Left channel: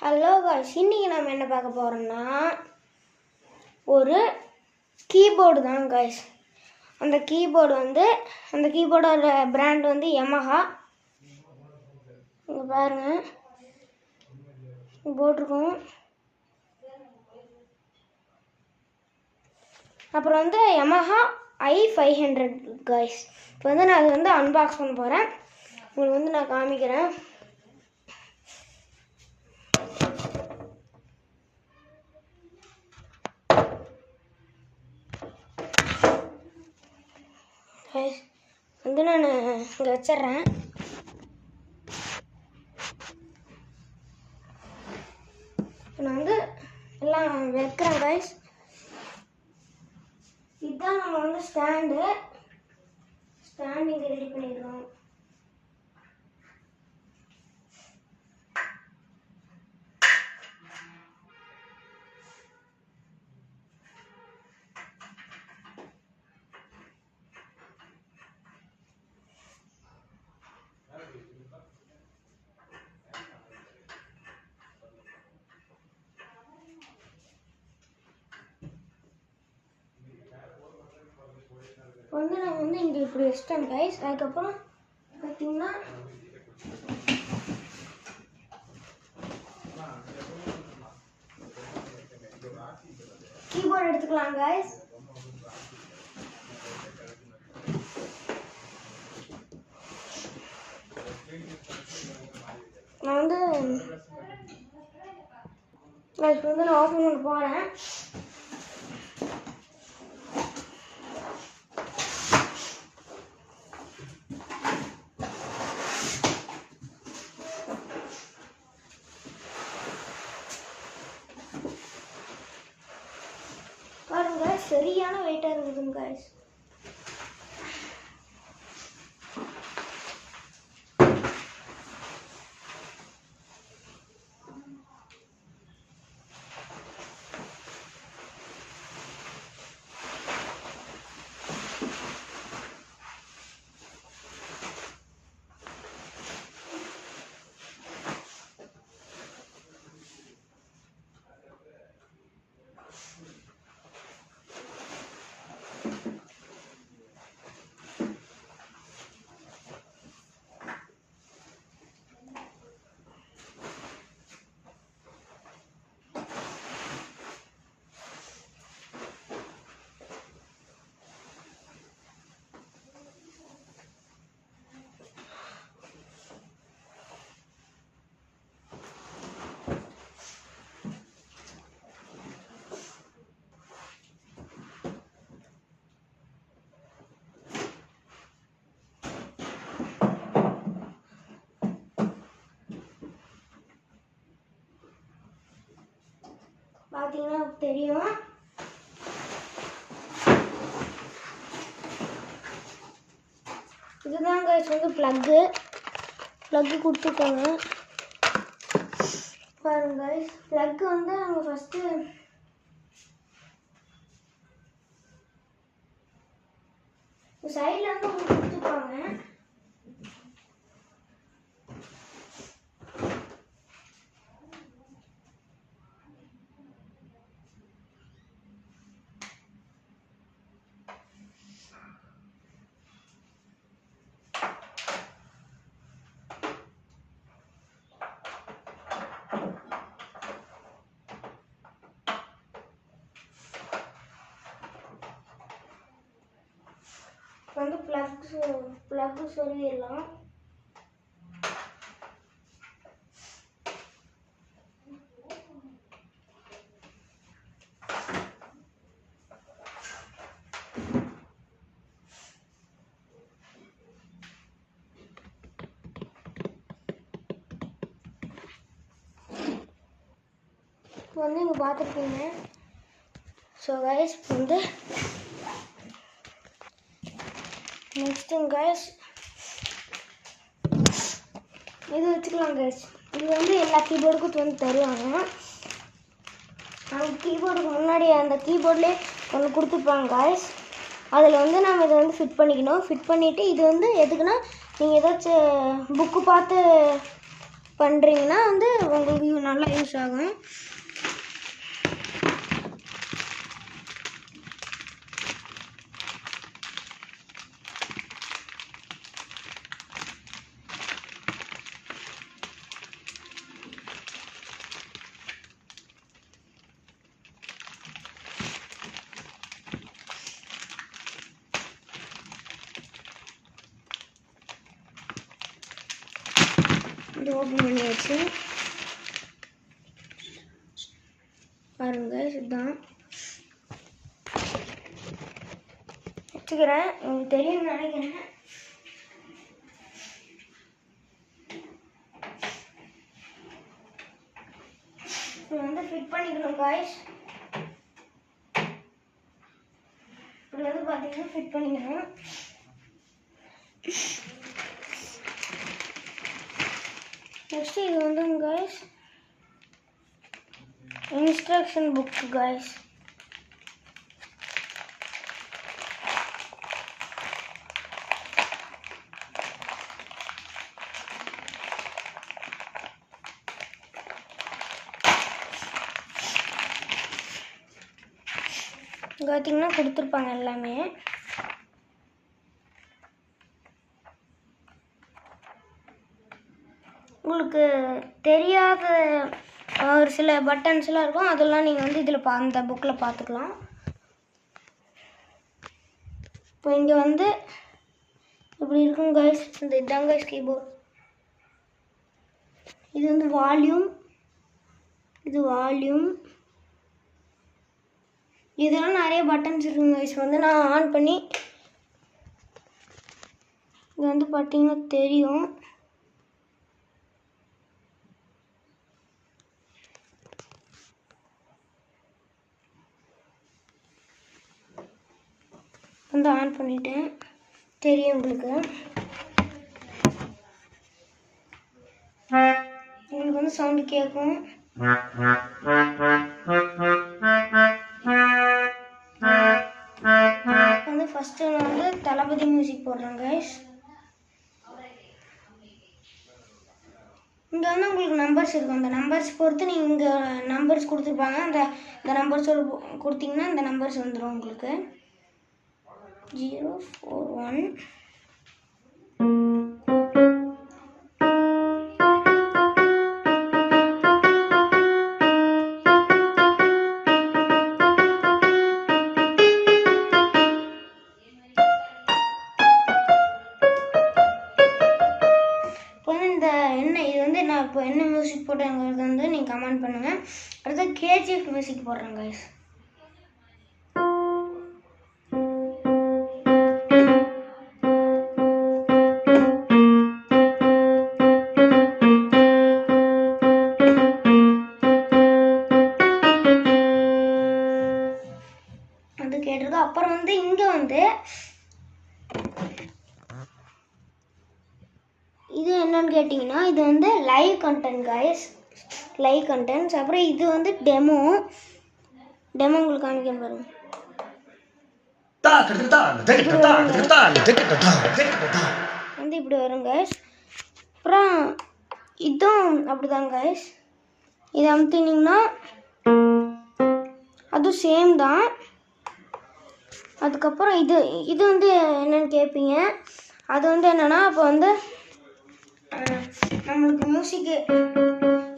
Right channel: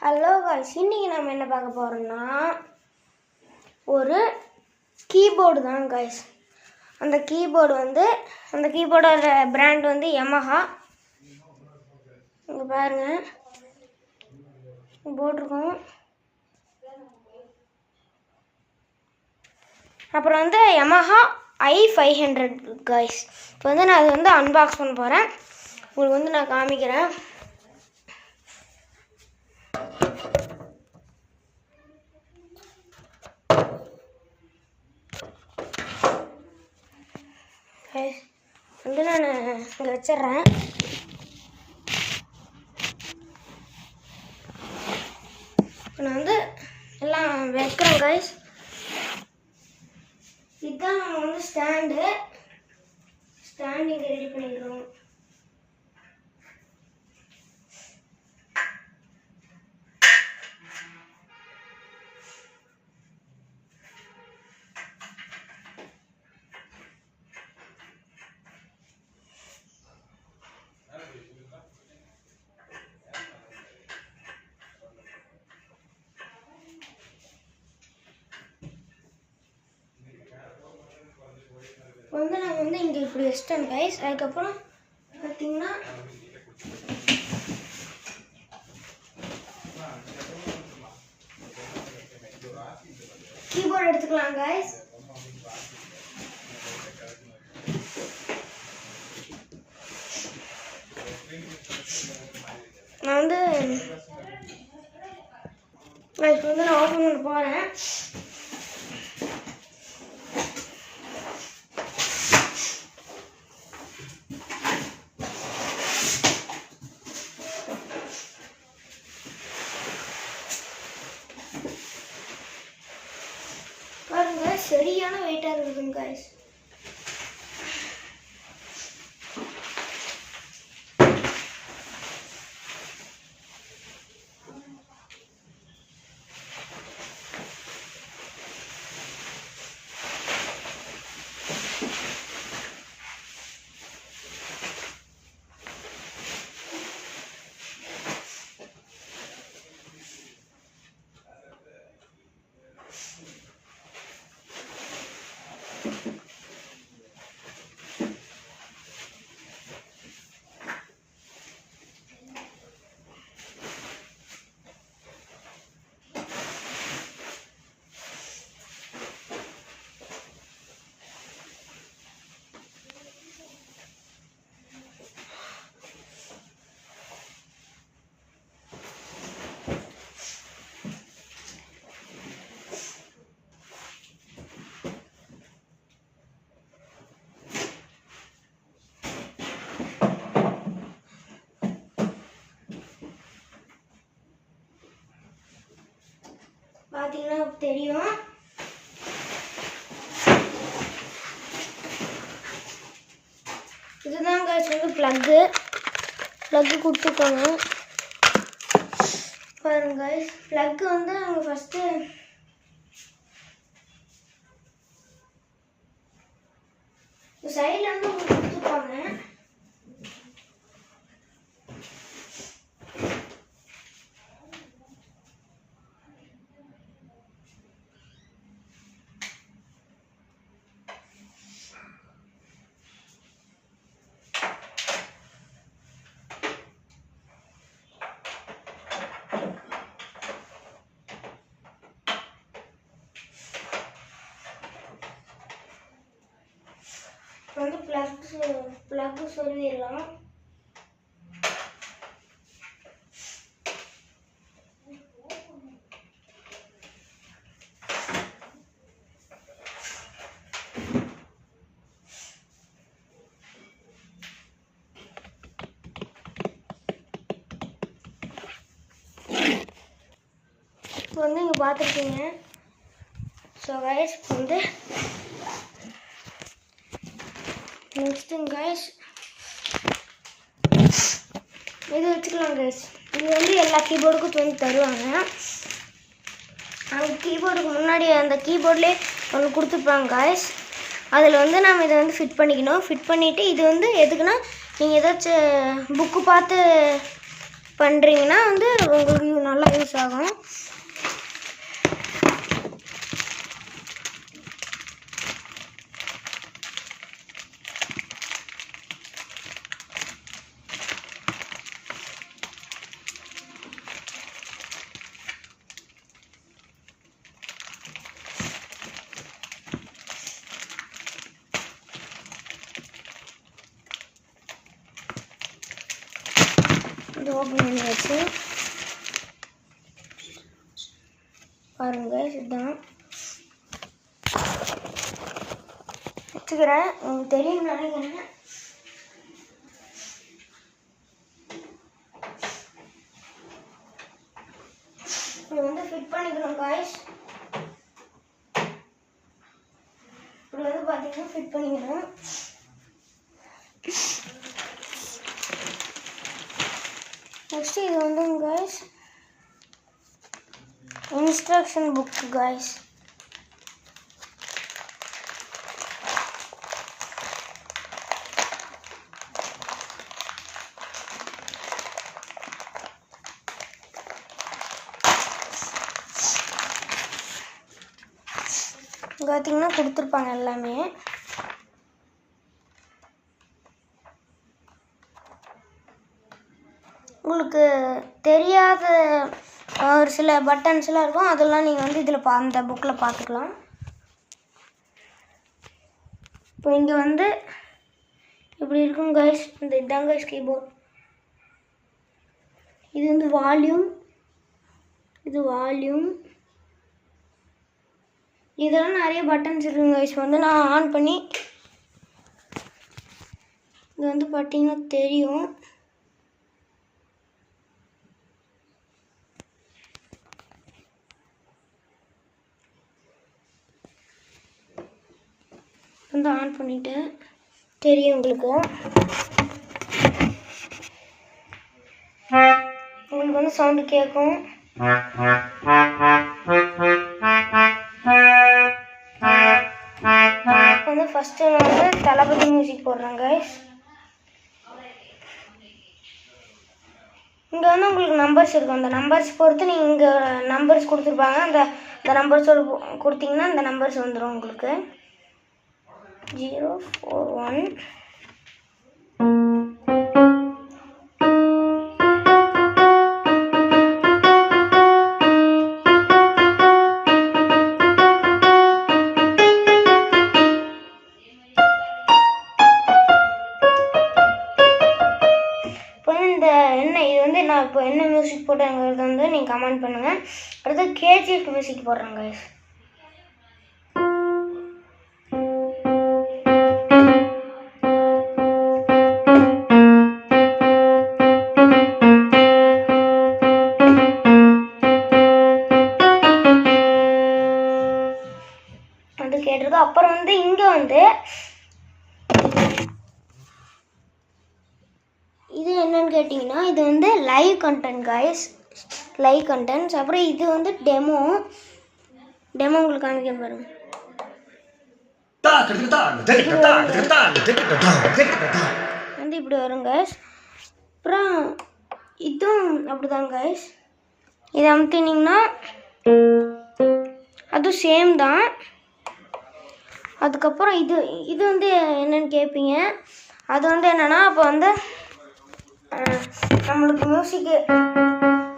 Hello guys, இன்றைக்கி நம்ம என்ன பார்க்க போகிறோம்னா ஒரு கீபோர்டு தான் காய்ஸ். அந்த கீபோர்டோட பிராண்ட் வந்து யமஹா. இங்கே பாருங்கள் போட்டிருக்கோம். அப்புறம் வந்து யமஹா i500 காய்ஸ். இப்போ வந்து நான் அதை அன்பாக்ஸ் பண்ண போகிறேன். உங்களுக்கு நான் காமிக்கிறேன். நான் இங்கே வச்சிட்றேன். இப்போ நான் எல்லாம் வைக்கிறேன் காய்ஸ். இதுதான் நம்ம ஸ்டாண்டு இங்கே ரெடி பண்ணிடுறோம். நான் இங்கே இப்படி வச்சிட்டேன் கைஸ். அதுக்கப்புறம் பார்த்தீங்கன்னா கீபோர்டு எடுத்துக்கலாம் கைஸ். நான் நான் ஓப்பன் பண்ண போகிறேன். பாருங்க, சரியான வெயிட்டாக இருக்குதுங்க காய்ஸ். பார்த்தீங்கன்னா தெரியும். இதுதான் காய்ஸ் ப்ளக்கு கொடுத்துருக்காங்க. பாருங்க காய்ஸ், ப்ளக்கு அவங்க ஃபஸ்ட்டு சைடில் கொடுத்துருப்பாங்க. ப்ளக்கு சொல்லிடலாம். இப்போ இங்கே பார்த்துருக்கீங்க. ஸோ கைஸ் நெக்ஸ்ட்டு கைஸ் இது வச்சுக்கலாம் கைஸ். இது எல்லா கீபோர்டுக்கும் தருவாங்க. அந்த கீபோர்டுக்கு முன்னாடி அந்த கீபோர்ட்லேயே ஒன்று கொடுத்துருப்பாங்க கைஸ். அதில் நம்ம இதை ஃபிட் பண்ணிக்கணும். ஃபிட் பண்ணிவிட்டு இது எதுக்குன்னா, நீங்கள் ஏதாச்சும் புக்கு பார்த்து பண்ணுறீங்கன்னா உங்களுக்கு நல்லா யூஸ் ஆகும். இது ஓப்பன் பண்ணியாச்சு. பாருங்க, இதுதான் வச்சுக்கிறேன். உங்களுக்கு தெரியும் நினைக்கிறேன். இது வந்து ஃபிட் பண்ணிக்கணும் காய்ஸ். இப்படி வந்து பார்த்தீங்கன்னா ஃபிட் பண்ணிக்கணும். நெக்ஸ்ட் இது வந்து காய்ஸ் இன்ஸ்ட்ரக்ஷன் புக் காய்ஸ். பார்த்தீங்கன்னா கொடுத்துருப்பாங்க எல்லாமே. உங்களுக்கு தெரியாத ஒரு சில பட்டன்ஸ்லாம் இருக்கும், அதெல்லாம் நீங்கள் வந்து இதில் அந்த புக்கில் பார்த்துக்கலாம். இப்போ இங்கே வந்து இப்படி இருக்கும் கைஸ். இதுதான் கைஸ் கீபோர்ட். இது வந்து வால்யூம், இது வால்யூம். இதெல்லாம் நிறைய பட்டன்ஸ் இருக்குங்க கைஸ். வந்து நான் ஆன் பண்ணி இது வந்து பார்த்தீங்கன்னா தெரியும். வந்து ஆன் பண்ணிட்டேன், தெரியும் உங்களுக்கு. உங்களுக்கு வந்து சவுண்டு கேட்கும். வந்து ஃபஸ்ட்டு நான் வந்து தளபதி மியூசிக் போடுறேன் கைஸ். இங்கே வந்து உங்களுக்கு நம்பர்ஸ் இருக்கும். அந்த நம்பர்ஸ் பொறுத்து நீங்கள் இங்கே நம்பர்ஸ் கொடுத்துருப்பாங்க. அந்த நம்பர்ஸோடு கொடுத்தீங்கன்னா அந்த நம்பர்ஸ் வந்துடும் உங்களுக்கு. 041 நான் இப்போ என்ன மியூசிக் போட்டேங்கிறது வந்து நீங்கள் கமெண்ட் பண்ணுங்கள். அடுத்து கேஜிஎஃப் மியூசிக் போடுறேன் கைஸ். அது கேட்டிருக்கு. அப்புறம் வந்து இங்கே வந்து இது என்னன்னு கேட்டிங்கன்னா, இது வந்து live content guys, live contents. அப்புறம் இது வந்து டெமோ உங்களுக்கு காமிக்க பாருங்க. வந்து இப்படி வரும் கைஸ். அப்புறம் இதுவும் அப்படிதான் கைஸ். இதை அமுத்தினீங்கன்னா அதுவும் சேம் தான். அதுக்கப்புறம் இது வந்து என்னன்னு கேட்பீங்க. அது வந்து என்னன்னா, அப்போ வந்து நம்மளுக்கு மியூசிக்கு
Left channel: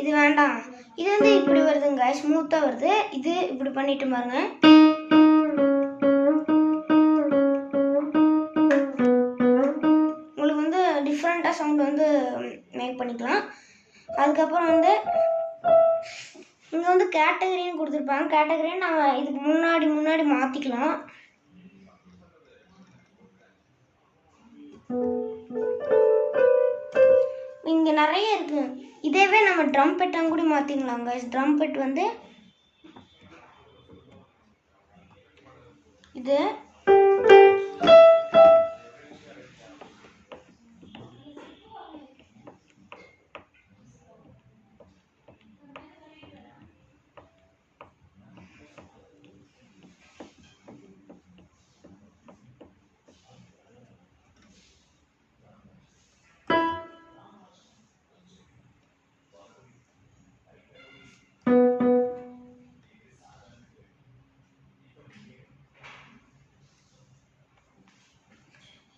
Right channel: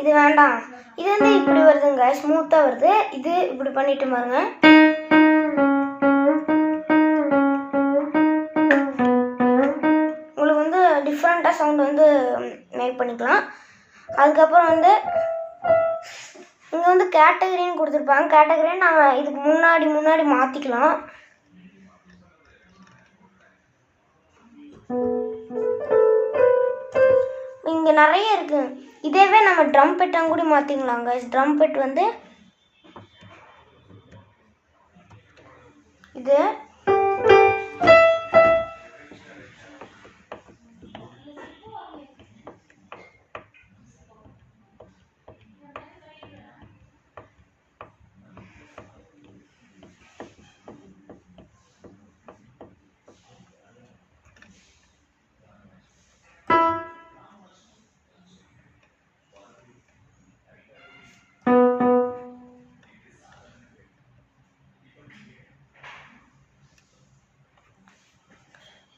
இது வேண்டாம், இது வந்து இப்படி வருதுங்க, ஸ்மூத்தாக வருது. இது இப்படி பண்ணிட்டு பாருங்க. உங்களுக்கு வந்து டிஃப்ரெண்ட்டாக சவுண்ட் வந்து மேக் பண்ணிக்கலாம். அதுக்கப்புறம் வந்து இங்கே வந்து கேட்டகரின்னு கொடுத்துருப்பாங்க. கேட்டகரின்னு நம்ம இதுக்கு முன்னாடி மாற்றிக்கலாம். இங்கே நிறைய இருக்கு. இதேவே நம்ம ட்ரம் பெட்டாங்க கூட மாற்றிக்கலாங்க. ட்ரம் பெட் வந்து இது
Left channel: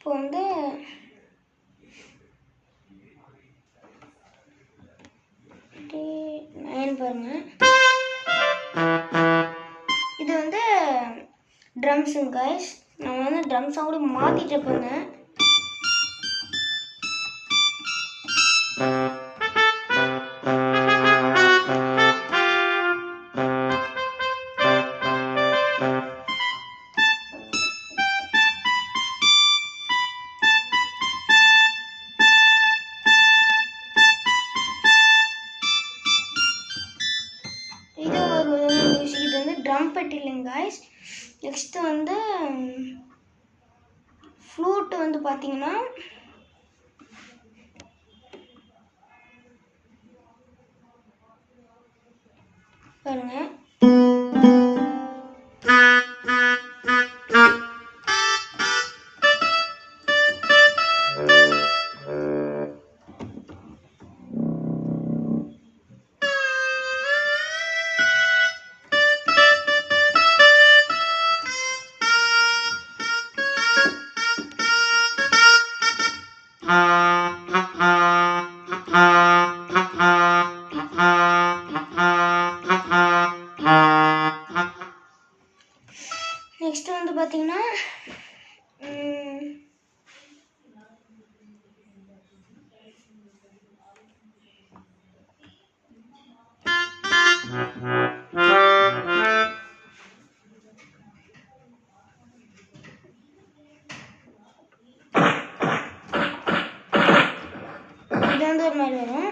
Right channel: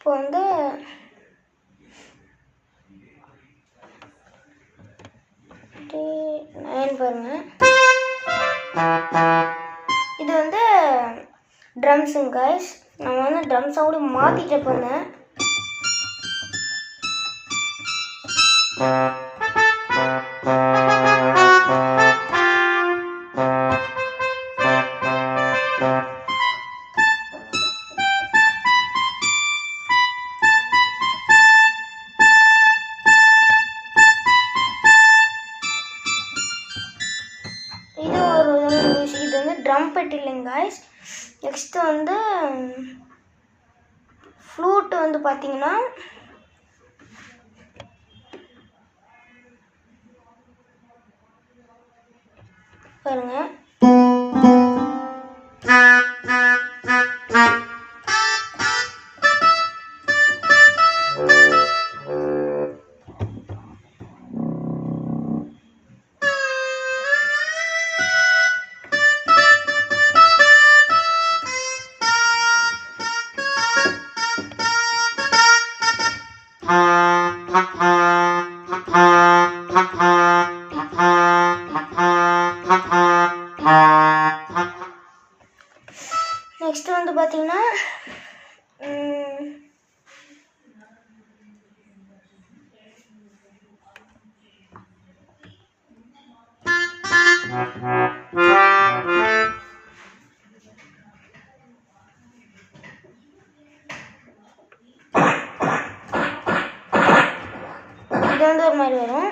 இப்போ வந்து பாருங்க, இது வந்து ட்ரம்ஸுங்க கைஸ். நான் வந்து ட்ரம் சவுண்டு மாற்றிட்டு போனேன். இது ஒரு மியூசிக். இது வந்து ட்ரம் பெட் இல்லைங்க கைஸ். நெக்ஸ்ட் வந்து ஃப்ளூட் வந்து பார்த்தீங்கன்னா பாருங்க, நெக்ஸ்ட் வந்து பார்த்தீங்கன்னா இது வந்து ஒரு மாதிரி வரும்.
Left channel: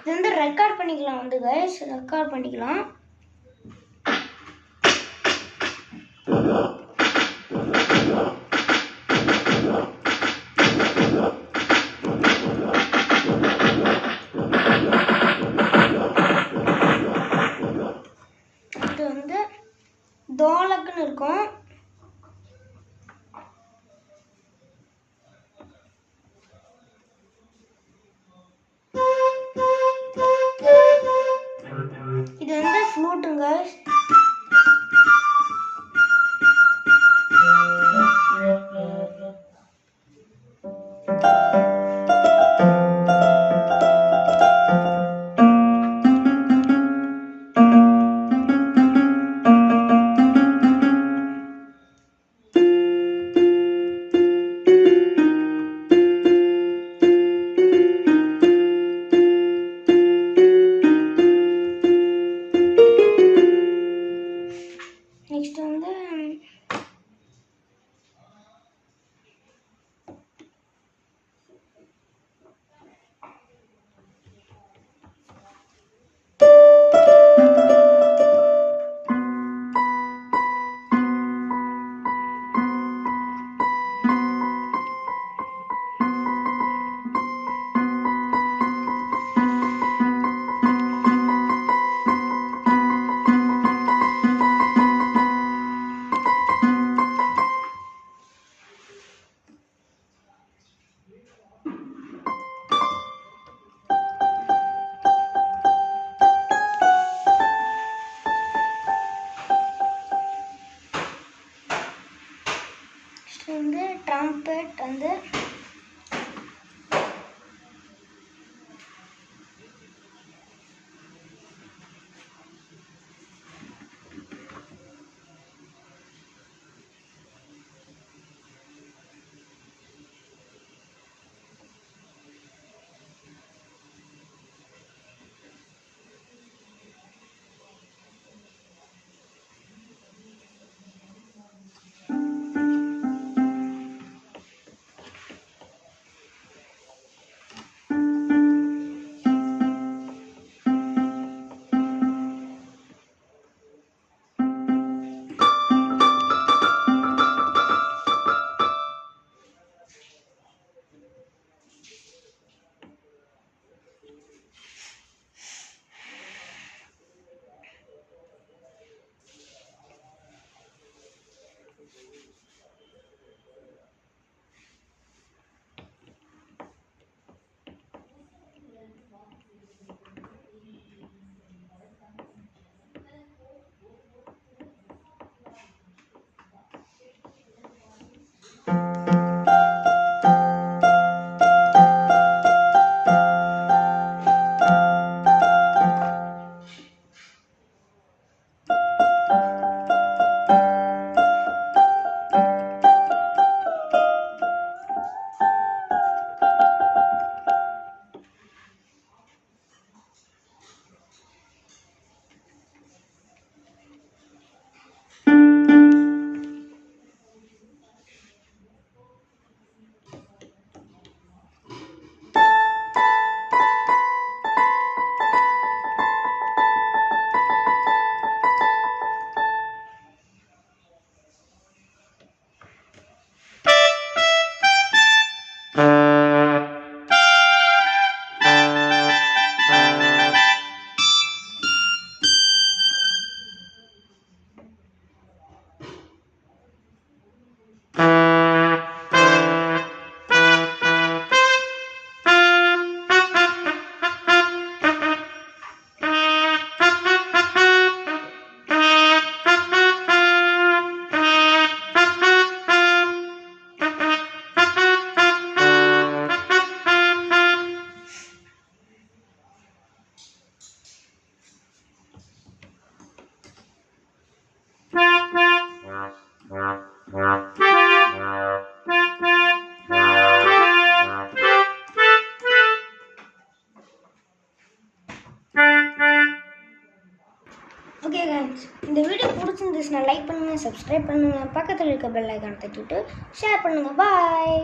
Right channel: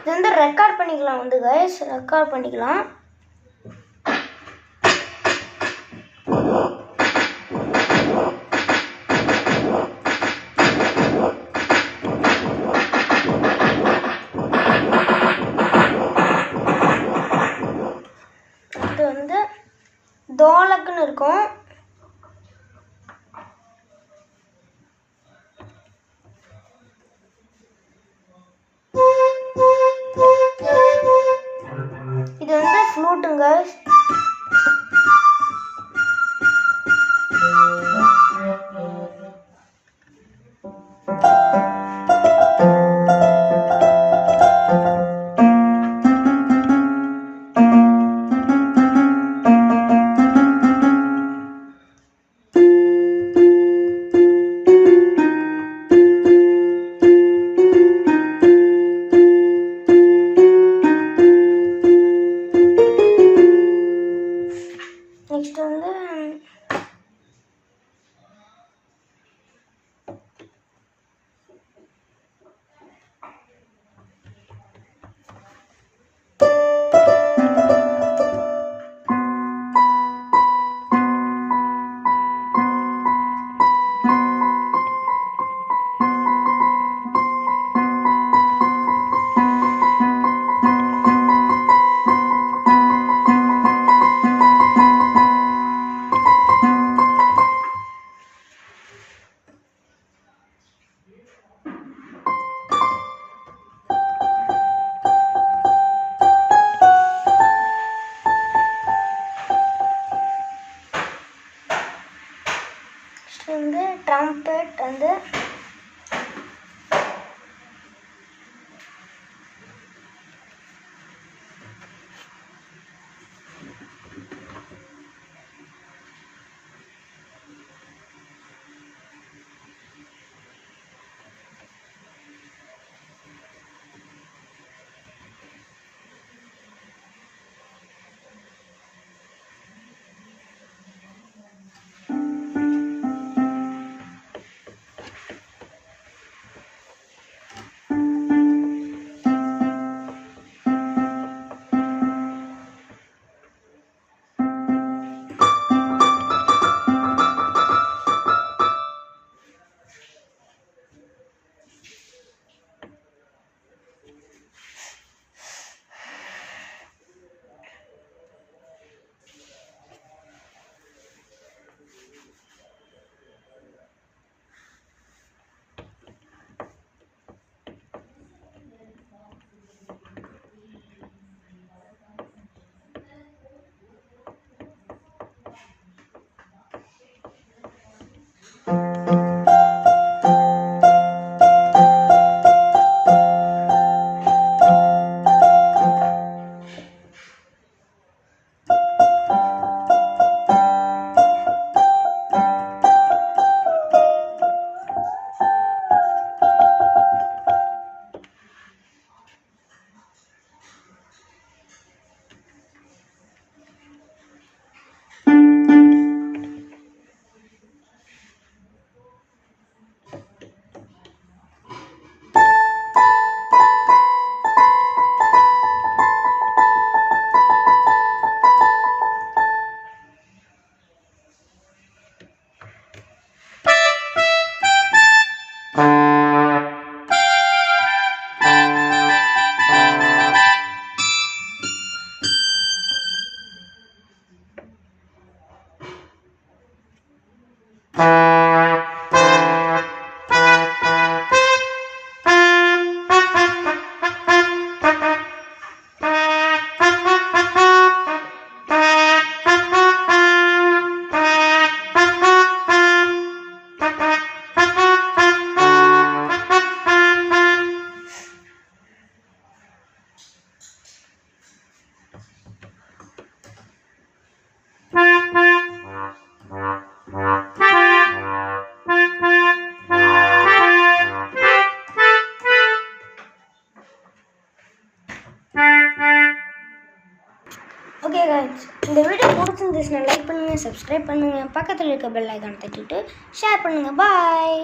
இது வந்து ரெக்கார்ட் பண்ணிக்கலாம் வந்து கைஸ், ரெக்கார்ட் பண்ணிக்கலாம். இது வந்து தோலக்குன்னு இருக்கும். இது வந்து ஃப்ளூட்டுங்க. நெக்ஸ்ட் வந்து ட்ரம்பெட் வந்து பிடிச்சிருந்துச்சுன்னா லைக் பண்ணுங்கள், சப்ஸ்கிரைப் பண்ணுங்கள், பக்கத்தில் இருக்க பெல் ஐக்கானை தட்டிட்டு ஷேர் பண்ணுங்கள். பாய்.